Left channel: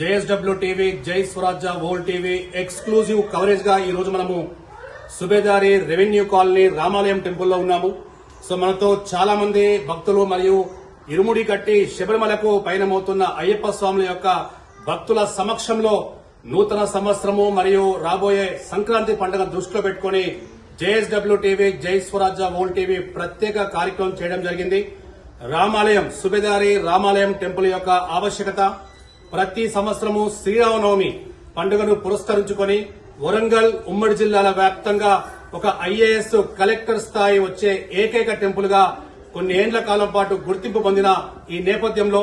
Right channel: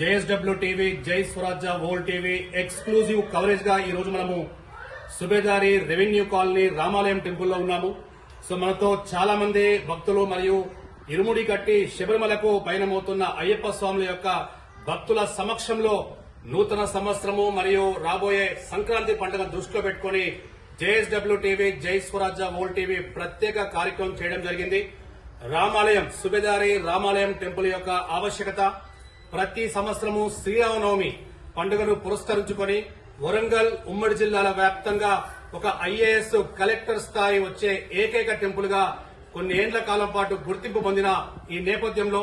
JSW TV, జై స్వరాజ్య world TV exclusive coverage గా ఈ రోజు మనము సుబేదారి రెవెన్యూ కాలనీ రామాలయం టెంపుల్లో ఉన్నాము. సో మనతో చాలా మంది భక్తులు మరియు ఇరుముడి కట్టి శబరిమలకు పయనమవుతున్న అయ్యప్ప స్వాముల యొక్క భక్తుల సమక్షంలో నూతన సంవత్సరము మరియు రాబోయే సంక్రాంతి పండుగ దృష్టిలో పెట్టుకుని JSW టీవీ, జై స్వరాజ్య వరల్డ్ టీవీ ప్రత్యేక కార్యక్రమం చేయడం జరిగింది. రామాలయం సుబేదారి రామాలయం టెంపుల్ యొక్క ఆవశ్యకత, ప్రతి సంవత్సరము శ్రీరామనవమి పండుగను పురస్కరించుకొని వరంగల్ ఉమ్మడి జిల్లాల వ్యాప్తంగా ఒక IAS కలెక్టర్ స్థాయి వచ్చే ఏకైక టెంపుల్ గా కొన్ని ఏండ్ల కాలం పాటు గుర్తింపు పొందిన ఈ నేపథ్యంలో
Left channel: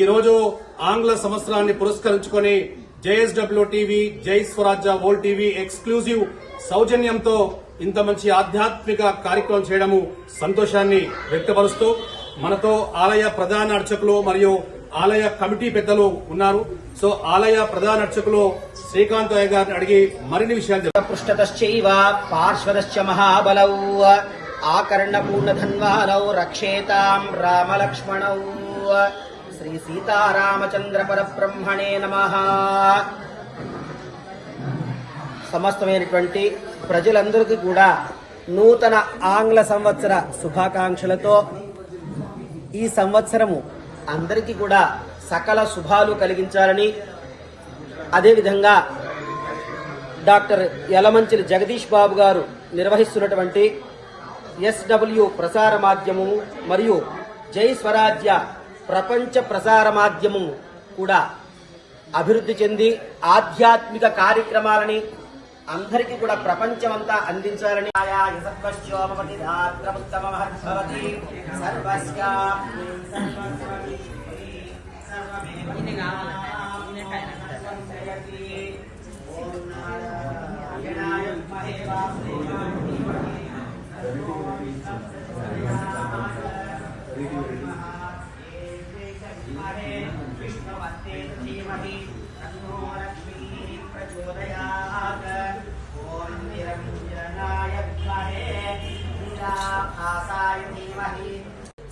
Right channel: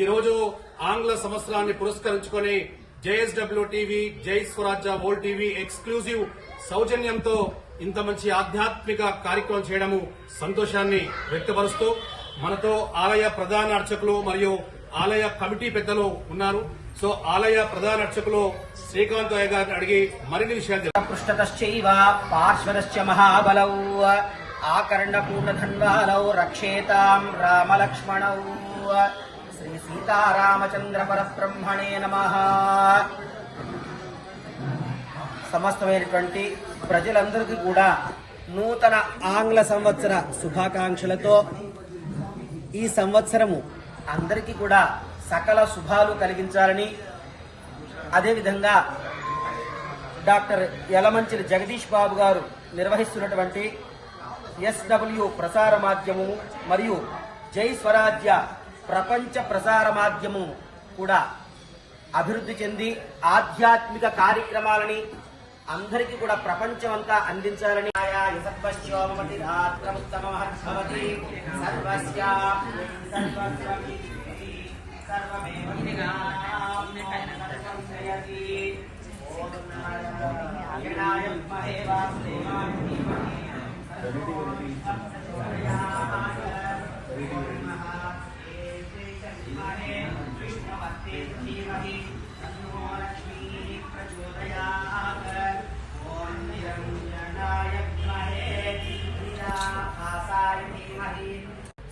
ఈ రోజు ఆంగ్ల సంవత్సరాన్ని పురస్కరించుకొని JSW టీవీ, జై స్వరాజ్య వరల్డ్ టీవీ ఎక్స్క్లూజివ్ సౌజన్యంతో ఇంత మంచి ఆధ్యాత్మిక కార్యక్రమం చేయడము సంతోషాన్ని వ్యక్తపరుస్తూ మనతో ఆలయ ప్రధాన అర్చకులు మరియు ఆలయ కమిటీ పెద్దలు ఉన్నారు. సో ఆలయ ప్రధాన అర్చకులు శ్రీకాంతయ్య గారిని అడిగి మరిన్ని విషయాలు పృష్ఠతశ్చైవ పార్శ్వదశ్చ మహాబలౌ ఆకర్ణపూర్ణధన్వానౌ రక్షేతాం రామలక్ష్మణౌ. శ్రీ సీతారామచంద్ర పరబ్రహ్మణే నమః. సమస్తమైనటువంటి ప్రజలందరికీ కూడా నూతన ఆంగ్ల సంవత్సర శుభాకాంక్షలతో ఈ సంవత్సరము అందరికీ కూడా సకల శుభాలు కలిగించాలని, అదేవిధంగా డాక్టర్ యలమంచిలి జగదీష్ బాబు గారు నిర్వహిస్తున్నటువంటి SW ప్రసార మాధ్యమం మరియు జై స్వరాజ్య ప్రపంచ ప్రసార మాధ్యమం కూడా అభివృద్ధి చెంది ఆధ్యాత్మిక కార్యక్రమాలని అందరికీ కూడా ప్రపంచమంతా అందించాలని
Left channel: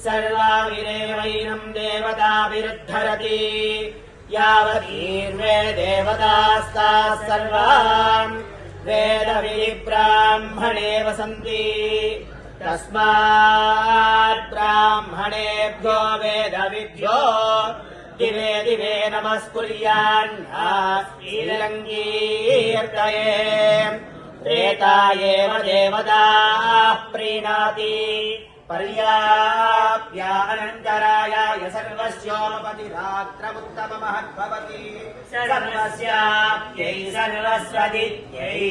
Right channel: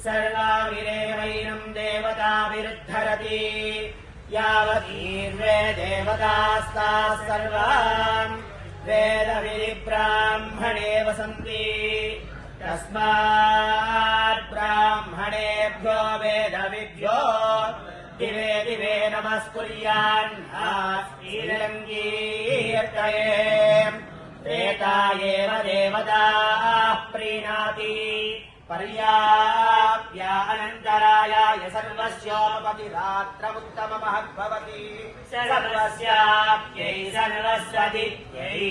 సర్వావిరేవైనం దేవతాభిరుద్ధరతి యావతీర్వే దేవతాస్తాః సర్వాన్ వేదవిబ్రాహ్మణే వసంతి తస్మాత్ బ్రాహ్మణేభ్యో వేదవిభ్యో దివే దివే నమస్కుర్యాన్కీర్తయే త్రేతాయేవ దేవతాః ప్రీణాతి పర్యాప్యానంతరాయాయ సర్వస్యోపతిరాత్రముత్తమమహద్భవతి సర్వస్యాప్యై సర్వస్వదిత్యై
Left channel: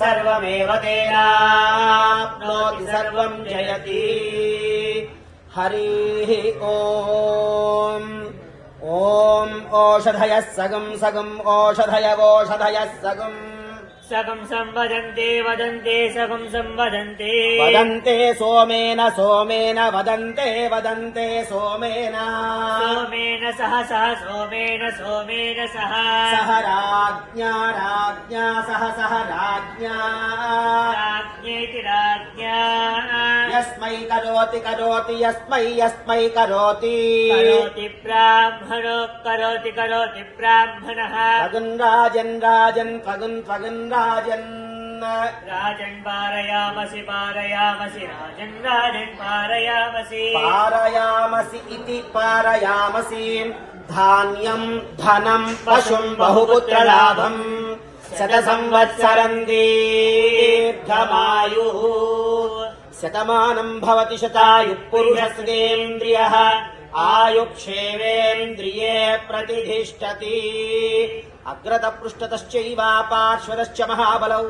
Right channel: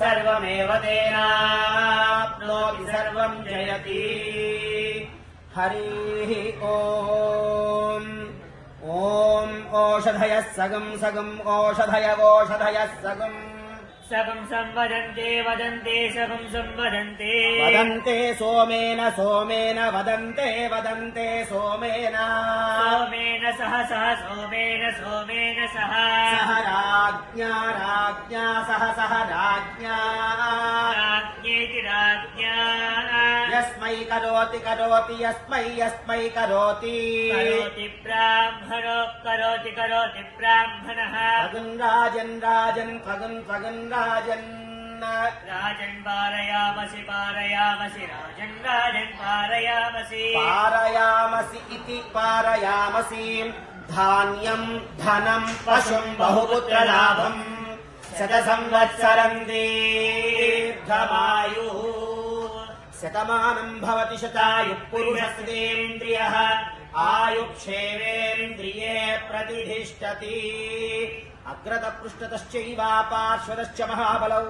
సర్వమేవ తేనాప్నోతి సర్వం జయతి. హరి ఓం. ఓం ఓషధయః సగం సగం ఓషధయవోషధయః సగం సగం సంవదంతే వదంతే సగం సంవదంతే వదంతే సోమేన సోమేన వదంతే వదంతే సోమేన సోమేన సహ సహ సోమేన సోమేన సహ సహ రాజ్ఞా రాజ్ఞా సహ సహ రాజ్ఞా రాజ్ఞేతి రాజ్ఞా యస్మై కరోతి కరోతి యస్మై యస్మై కరోతి కరోతి బ్రాహ్మణో కరోతి కరోతి బ్రాహ్మణః pagan Rajan Rajan pagan pagan Rajan Rajan పారయామసి పారయామసి Rajan Rajan పారయామసి పారయామసి ఇతి పారయామసి ధాన్యం ధనం పశుం బహుపుత్రలాభం శత సంవత్సరం దీర్ఘమాయుః శతమానం భవతి శతాయుః పురుషస్యేంద్రియః ఆయుక్షేవేంద్రియే ప్రతిష్ఠతి. అగ్రత పృష్ఠతశ్చైవ పార్శ్వదశ్చ మహాబలౌ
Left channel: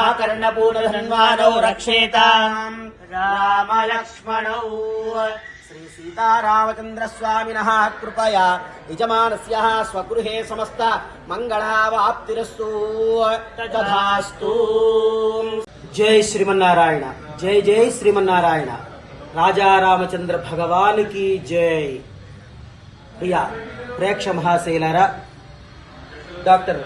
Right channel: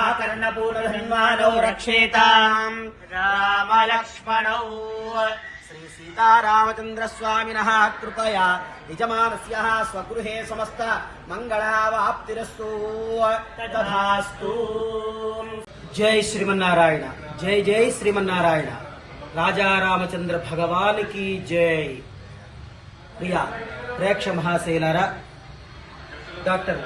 ఆకర్ణపూర్ణధన్వానౌ రక్షేతాం రామలక్ష్మణౌ. శ్రీ సీతారామచంద్రస్వామినః కృపయా యజమానస్య స్వగృహే సమస్త మంగళావాప్తిరస్తు. తథాస్తు. జై శ్రీమన్నారాయణ. జై జై శ్రీమన్నారాయణ. రాజా రామచంద్ర భగవానికి జై. ప్రియ ప్రేక్ష మహాశైలారా, డాక్టర్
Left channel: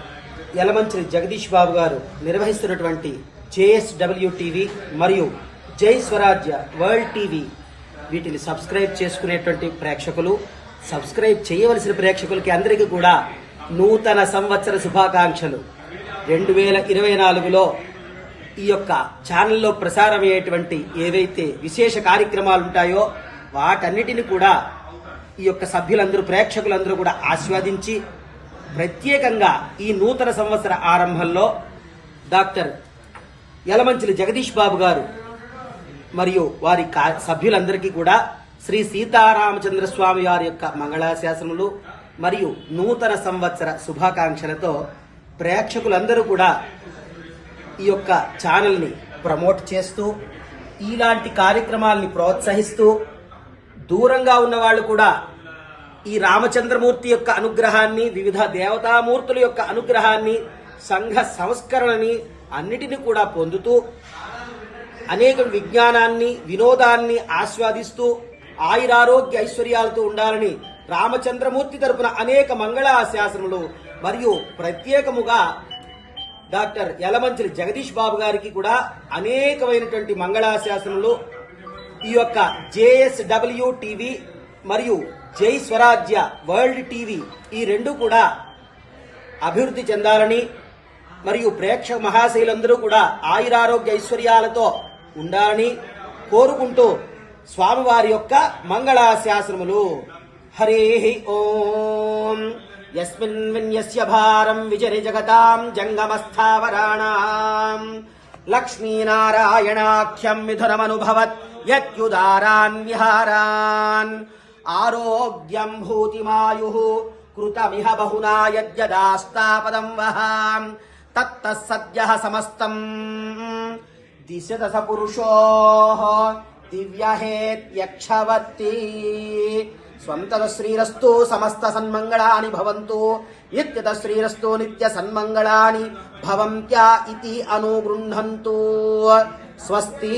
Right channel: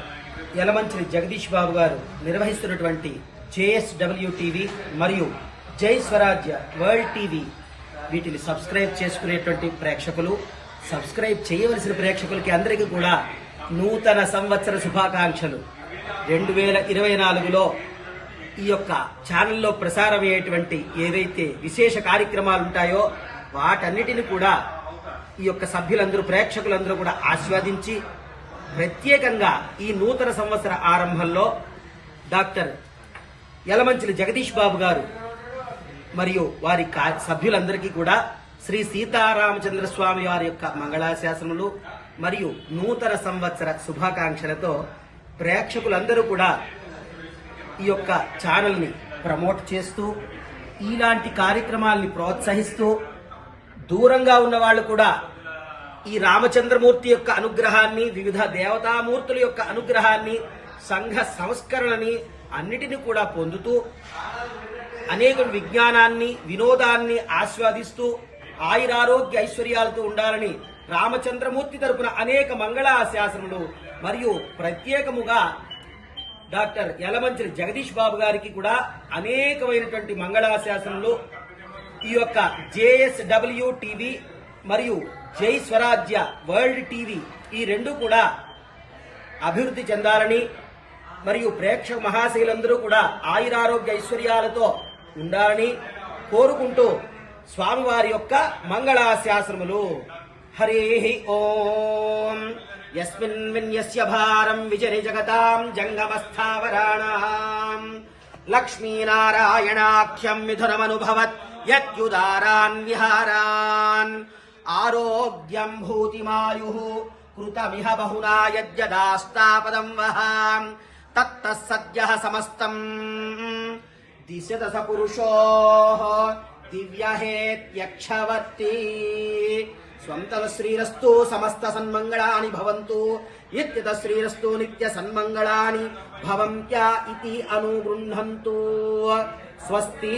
యలమంచిలి జగదీష్ బాబు గారు నిర్వహిస్తున్నటువంటి JSW టీవీ మరియు జై స్వరాజ్య వరల్డ్ టీవీ వీటిని సబ్స్క్రైబ్ చేసుకునేటువంటి ప్రేక్షకులు, సబ్స్క్రైబ్ చేయవలసిన ప్రేక్షకులకి అందరికీ కూడా నూతన సంవత్సర శుభాకాంక్షలు. 2024లో ఈ యొక్క ఛానల్లో ప్రసారమయ్యేటువంటి ఏవైతే విశేష కార్యక్రమాలు ఉంటాయో వాటన్నిటిని కూడా ఈ యొక్క సభ్యులందరూ, ప్రేక్షకులందరూ కూడా ఆస్వాదించి ప్రత్యేకంగా ఈ నూతన సంవత్సర ఆరంభంలో డాక్టర్ యలమంచిలి జగదీష్ బాబు గారు మరియు వారి సభ్యులందరికీ కూడా శ్రీ సీతారామచంద్ర స్వామి వారి యొక్క మంగళాశాసనలు మరియు నూతన సంవత్సర శుభాకాంక్షలతో ప్రేక్షకులందరూ కూడా ఈ యొక్క ఛానల్ని ప్రమోట్ చేస్తూ ఇలాంటి కార్యక్రమాల్ని ప్రోత్సహిస్తూ దూరంగా ఉన్న వాళ్ళు కూడా ఈ రామచంద్రమూర్తి యొక్క అనుగ్రహాన్ని, వివిధ దేవతామూర్తుల యొక్క అనుగ్రహాన్ని, సంఘ సంస్కరణని అన్నిటినీ కూడా పొందుతూ అనేక విజ్ఞానాన్ని, వినోదాన్ని ఆస్వాదిస్తూ ఆయురారోగ్య ఐశ్వర్యాలతో ఉండాలని రామచంద్రమూర్తి తరపున అనేక మంగళాశాసనములు మరియు ప్రత్యేకముగా డాక్టర్ యలమంచిలి జగదీష్ బాబు గారికి కూడా అనేకమైనటువంటి మంగళాశాసనములు ఈ యొక్క JSW టీవీ మరియు జై స్వరాజ్య వరల్డ్ టీవీ ఈ రెండు కూడా అభివృద్ధి చెందాలని మరియు ప్రేక్షక మహాశైలందరూ కూడా ఆయురారోగ్య ఐశ్వర్యాలతో ఉండాలని కోరుకుంటూ స్వామివారి యొక్క మంగళాశాసనములు. హరే ఓం. యస్మిన్ విన్యస్య భారం విజరి జగతాం జంగమస్థావరాణాం లక్ష్మీనారాయణాఖ్యం మిథునమనుభవత్ యత్యుదారాన్ విహారాన్ ఆరోగ్యం భూతిమాయుః కృతమిహ బహునా యద్యదాస్తాపదం వహాం తత్తః సద్యః సమస్తం దిశదశ పురుషో దివ్యహేత్యక్షవర్తి. స్వంతద శ్రీరస్తు సమస్త సన్మంగళాని భవంతు. నిత్యద శ్రీరస్తు నిత్య సన్మంగళాని భవంత్యా ఇతి అనుగృహంతు. స్వస్తి.